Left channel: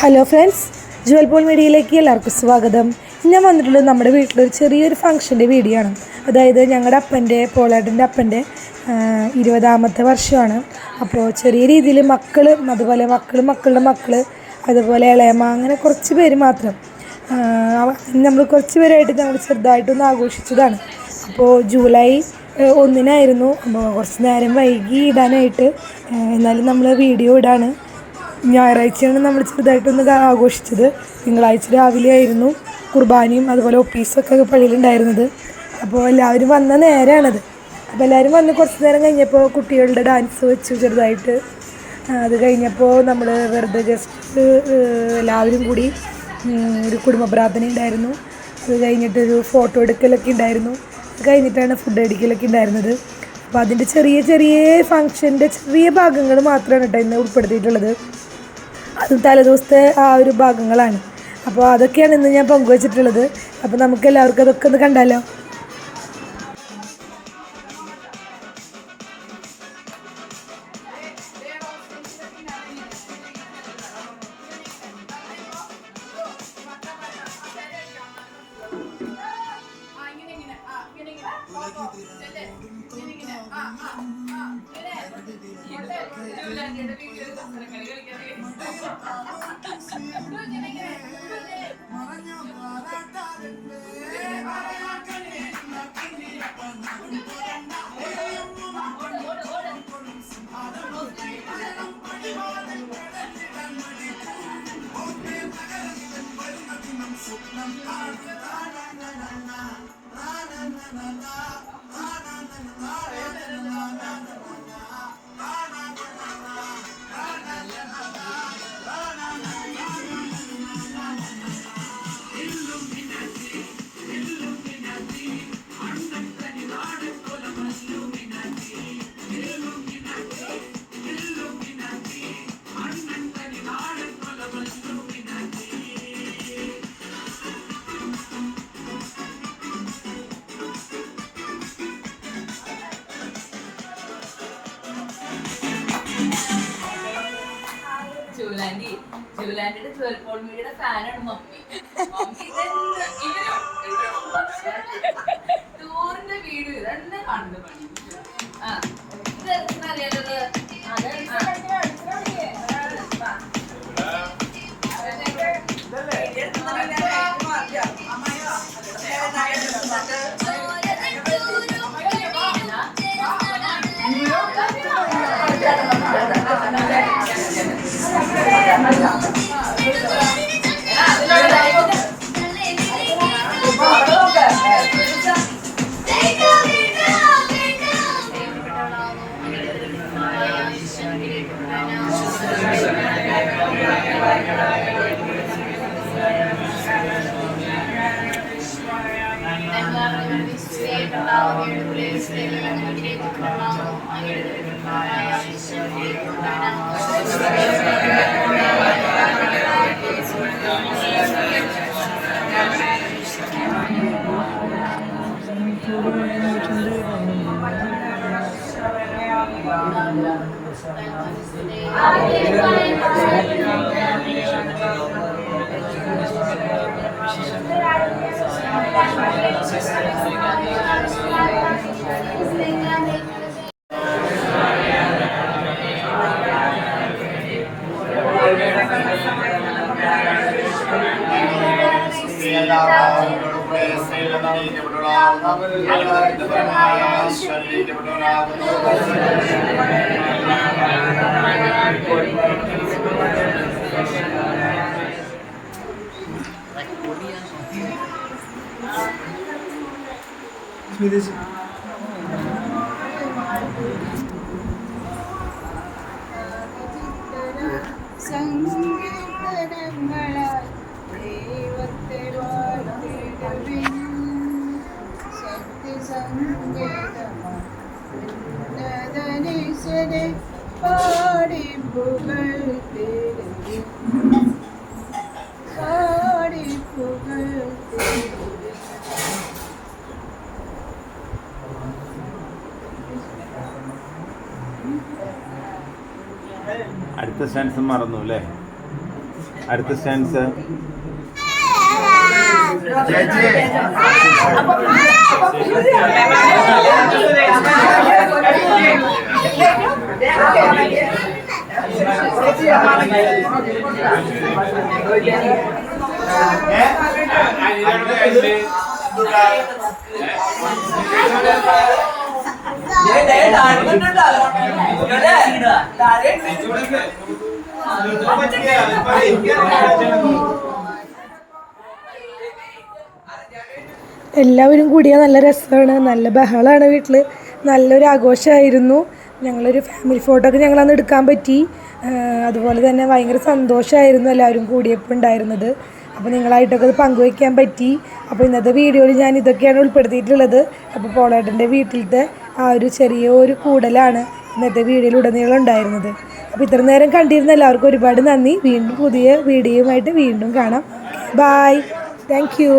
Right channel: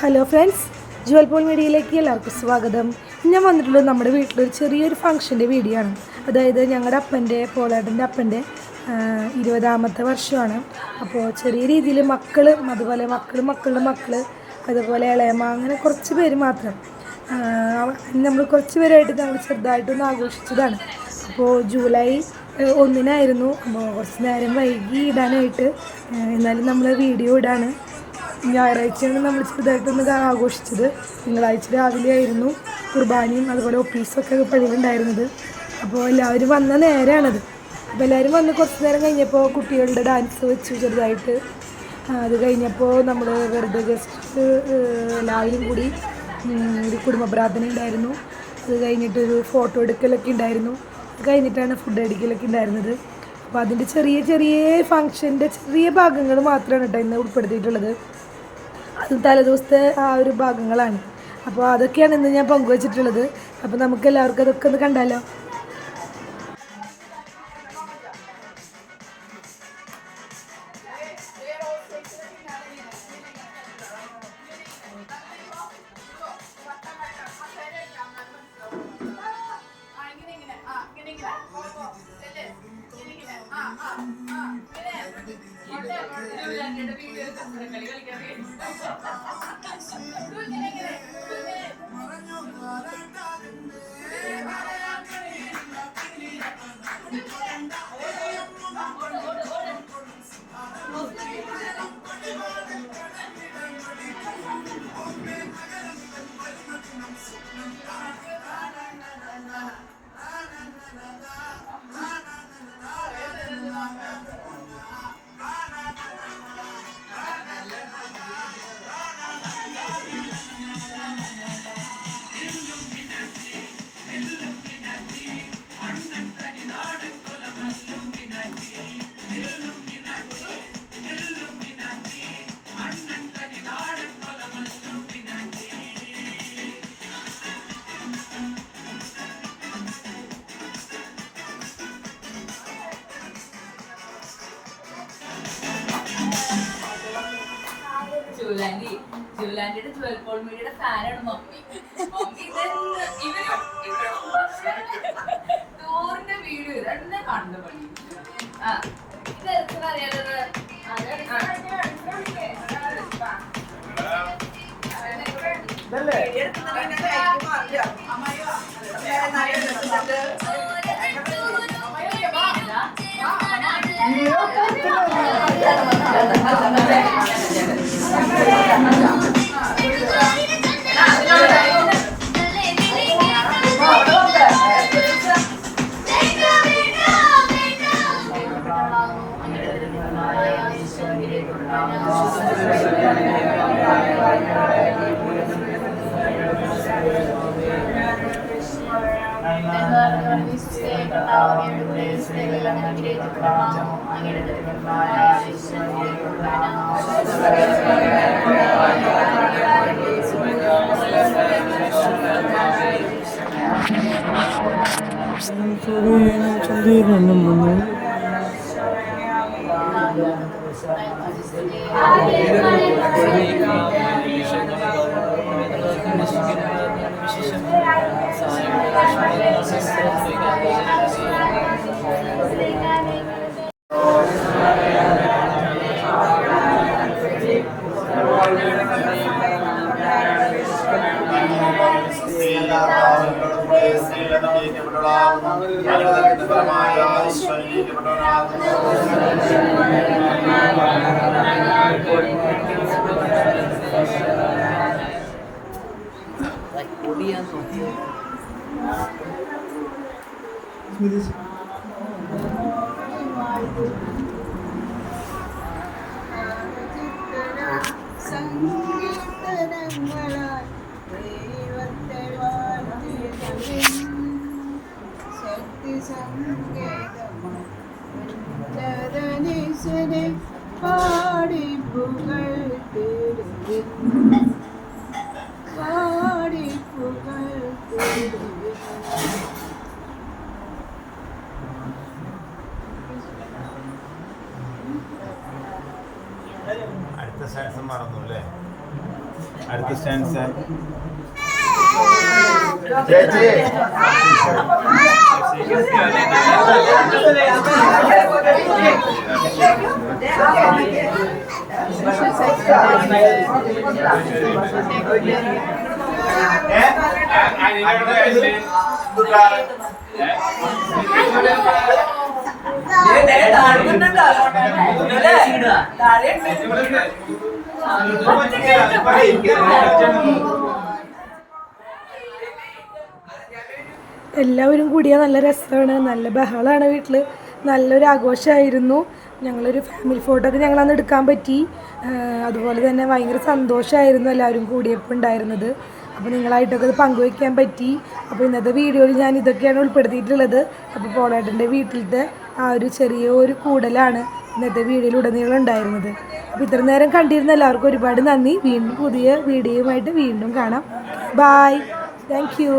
Hello friends, Jual Paul മീഡിയയിലേക്ക് എല്ലാവർക്കും സ്വാഗതം. ഞാൻ വന്നിട്ടുള്ളത് നമ്മുടെ വീട്ടിലൊരു ചെറിയൊരു ഫംഗ്ഷൻ്റെ വീഡിയോ ആണ്. അതായത് ഞങ്ങളുടെ അപ്പൻ്റെ, പോളേട്ടൻ്റെ അപ്പൻ്റെ 20ാമത്തെ വർഷമാണ്. അപ്പോൾ ചെറിയ രീതിയിൽ മക്കളും അതുപോലെ മക്കളുടെ മക്കൾ, അതുപോലെ ഇളയമ്മ, അങ്ങനെ കുറച്ച് പേര് മാത്രം നമ്മൾ കുറച്ച് പേരായിട്ട് നമ്മൾ ചെറുതായിട്ടൊന്ന് ആഘോഷിച്ചതാണ്. അപ്പോൾ ജൂലൈ 1-നായിരുന്നു. അപ്പോൾ കുറച്ച് നേരം വൈകി ഇടാനായിട്ട്, എന്നാലും നമ്മൾ വീഡിയോ ഇടാണ്. ഞായറാഴ്ചയാണ് നമ്മൾ ചെറുതായിട്ടൊന്ന് ആഘോഷിച്ചത്. തിങ്കളാഴ്ച രാവിലെ ആയിരുന്നു കുർബാനയും അതുപോലെ ഒപ്പീസൊക്കെ പള്ളിയിലുണ്ടായിരുന്നത്. അപ്പോൾ എല്ലാവരും വന്ന നേരമാണത്. അപ്പോൾ എല്ലാവരും വന്ന് കുറച്ച് നേരം കഴിഞ്ഞപ്പോൾ കുട്ടികളുടെ ഡാൻസ് വെച്ചു ചെറുതായിട്ട്. അത് കഴിഞ്ഞപ്പോൾ നമ്മൾ വെറുതെ ജസ്റ്റ് എല്ലാവരും കൂടി ഒരു കുടുംബ പ്രാർത്ഥന ഉണ്ടായിരുന്നു. അത് കഴിഞ്ഞിട്ടൊരു ഫോട്ടോ എടുക്കലൊക്കെ ഉണ്ടായിരുന്നു. അത് കഴിഞ്ഞിട്ടാണ് ഫുഡ് അടിക്കലൊക്കെ ഉണ്ടായിരുന്നത്. അപ്പോൾ അതിൻ്റെ ചെറിയ ഫങ്ഷൻ്റെ ചെറിയ ഭാഗങ്ങൾ മാത്രമാണ് കേട്ടോ ഇന്ന് ഉൾപ്പെടുത്തിയിട്ടുള്ളത്. അത് തലേദിവസത്തെ ആ ഒരു ഭാഗങ്ങളാണ്. അപ്പോൾ അതൊക്കെയാണ് ഇന്ന് ഞാൻ പങ്കുവച്ചിട്ടുള്ളത്. അപ്പോൾ നമുക്ക് എല്ലാവർക്കും അതൊക്കെ ഒന്ന് കണ്ടാലോ. ജുവലാൻഡിയുടെ ജുവൽ പോൾ മീഡിയയുടെ ഫാനാണ് മമ്മി. ടൂറിന്റെ വീഡിയോ ഇതന്നെ കണ്ടു പണി. ഇത് അറിയാലത് പാടി പുകൾ പാടി പുകൾ. അടുത്ത സ്റ്റാൻസ് മറന്നു അല്ലേ? അടുത്ത സ്റ്റാൻസ് എല്ലാവരും കൂടിയാൽ നല്ല രസമാണ്, നല്ല ബഹളമാണ് വീട്ടിൽ, നല്ലൊരു ആഘോഷമായിരുന്നു. ഞങ്ങളൊരു ഫാമിലി ഫോട്ടോ ഒക്കെ ഞങ്ങളന്ന് എടുക്കാൻ പറ്റി. അതുപോലെ തന്നെ ഭയങ്കര സന്തോഷമായിരുന്നു എല്ലാവരും കൂടിയപ്പോൾ ഉണ്ടായിരുന്നത്. അപ്പോൾ നിങ്ങളായിട്ടൊക്കെ അത് പങ്കുവയ്ക്കാൻ പറ്റി. അപ്പോൾ ഇന്നത്തെ വീഡിയോയിൽ ഞാൻ ഇതൊക്കെയാണ് ഉൾപ്പെടുത്തിയിട്ടുള്ളത്. അപ്പോൾ പോളേട്ടൻ്റെ വീട്ടിലത്തെ ആ ഒരു ചെറിയൊരു കൂടലാണ് ഇന്നത്തെ വീഡിയോയിലുടനീളം ഉണ്ടായിരുന്നത്. അപ്പോൾ ഇത്ര നേരം കണ്ടിരുന്ന എല്ലാവർക്കും ഒരുപാട് നന്ദി. വീണ്ടും പുതിയ വീഡിയോയുമായിട്ട് വീണ്ടും കാണാം. Bye, thank U.